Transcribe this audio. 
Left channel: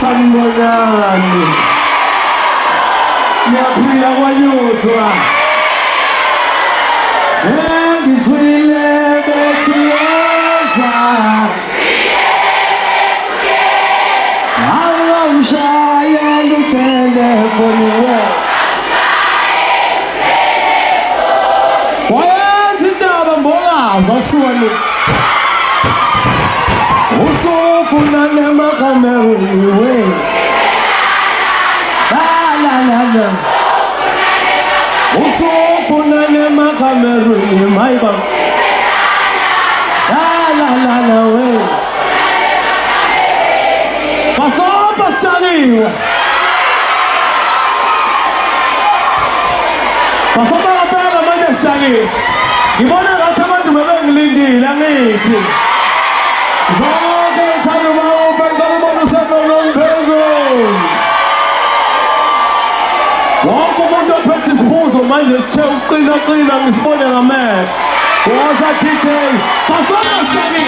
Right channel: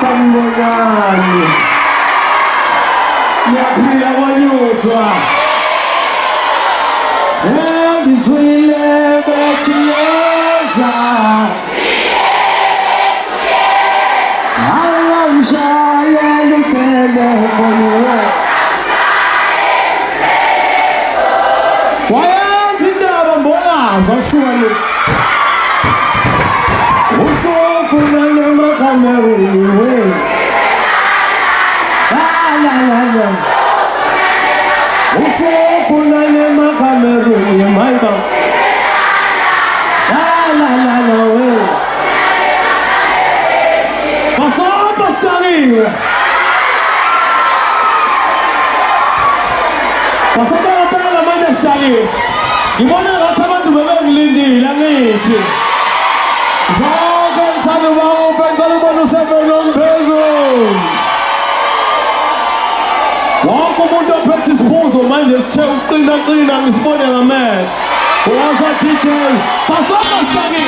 Sanibonani. Ngiyaphila kwanyuzwa. Sengizwile bethi eza. Angangishayela utelefoni we. Wayenza indaba mbolaza usulu. Usufuna nemakameri we. Usufuna nemakameri we mayba. We. Pasala pastari. Pasala pala majestari. Gimana kataman dua ngelindi langit. Zonke ithanda uba ngalobono sekono mphezulu. Wonke umuntu ophethe isiphuzo manje sithe uqina ngisibone ngamehlo. Waza DJ, pasapastari.